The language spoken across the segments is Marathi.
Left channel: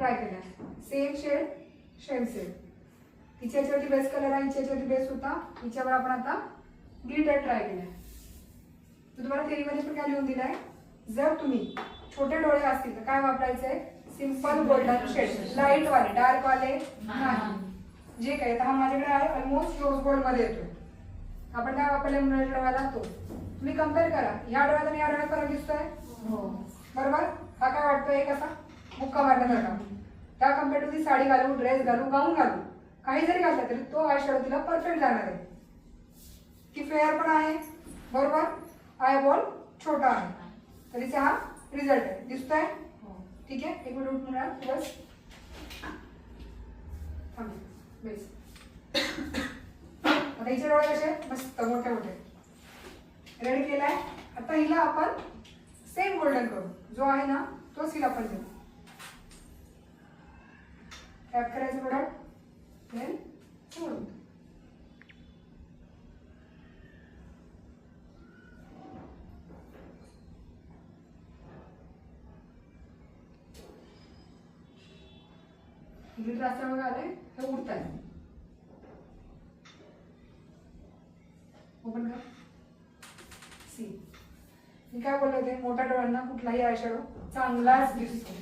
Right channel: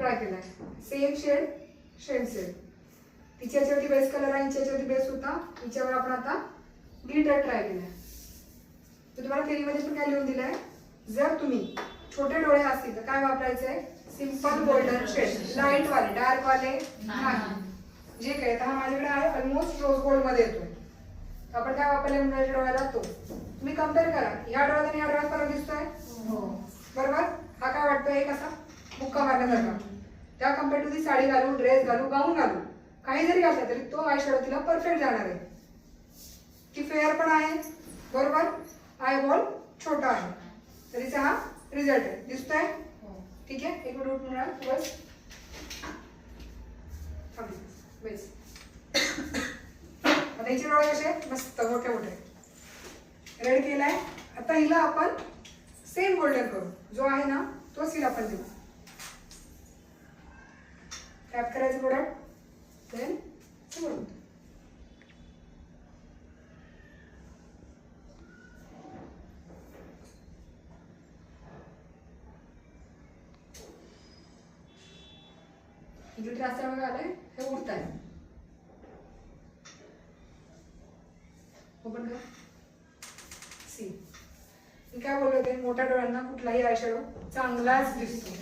ट्राय केलाय. Same shade same shade. तिच्या याच्यावरती बेस कलर आहे, हिच्या याच्यावरती बेस होता, हिच्यावर आपण आता ग्लिटर ट्राय केलाय. तर तुम्हाला थेरीमध्ये पण काय लिहून दिलंय, जर तुम्ही छोटे डोळे असतील तर काय वापरायचंय, सिंपल गोल्डन शेड, लाईट वाले, डार्क वाले नाही. जे काही हा माझ्याकडे आहे ऑलमोस्ट रोज गोल्ड मध्ये येतोय. आपण काय वापरले मुलाच्या डोळ्याला तो. तुम्ही कम्पेअर करा, ह्या डोळ्यात आणि ह्या डोळ्यात फरक दिसतोय बरोबर. हा काय वाटतोय एक असा मुक्का मारण्यासारखा. त्या कम्पेअर टू ती साडी घालू, ड्रेस घालू, गाऊन घालू, काही जरी घातलं तरी तो आय शॅडो तिला परफेक्ट जाणार आहे. की फेअर पण आहे बरोबर, आय बॉल छोटा आहे, तरीचा हा रिझल्ट आहे. दिसतोय ठीक आहे. एक मिनिट उठ मिळाल बस बेस. आता हिचे डोळे कसे मस्त मोठे मोठे रेड केलाय. आता हिला आपण सेम गोल्डन करू, जो आहे ना तोच हिला आपण देऊ. टॅप करायचं प्रोडक्ट देन सोडून. ग्लिटर असताना बघा आलंय हे उडत आहे. ओपन कर. सी मी काय बोलले होते, मोठ्या डोळ्यांना कुठलाही आय शॅडो चांगलाच दिसतो,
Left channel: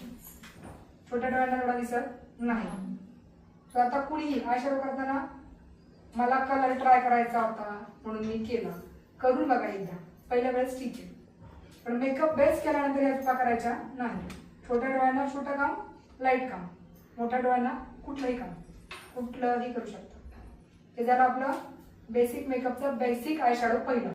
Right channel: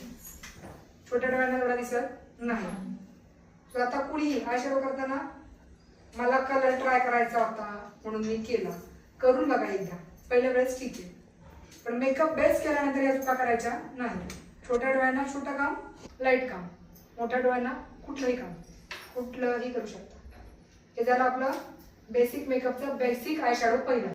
छोट्या डोळ्यांना एवढा दिसत नाही. सो आता कुणी आय शॅडो करताना मला कलर ट्राय करायचा होता म्हणून मी केलं, करून बघा एकदा, पहिल्या वेळेस ठीक आहे, पण मेकअप बेस केल्यानंतर या चुका करायच्या नाही. छोट्या डोळ्यांना छोटं काम, लाईट काम, मोठ्या डोळ्यांना कुठलंही काम, कुठलंही करू शकता. हे झालं आपलं बेसिक मेकअपचं बेसिक आय शॅडो पहिलं.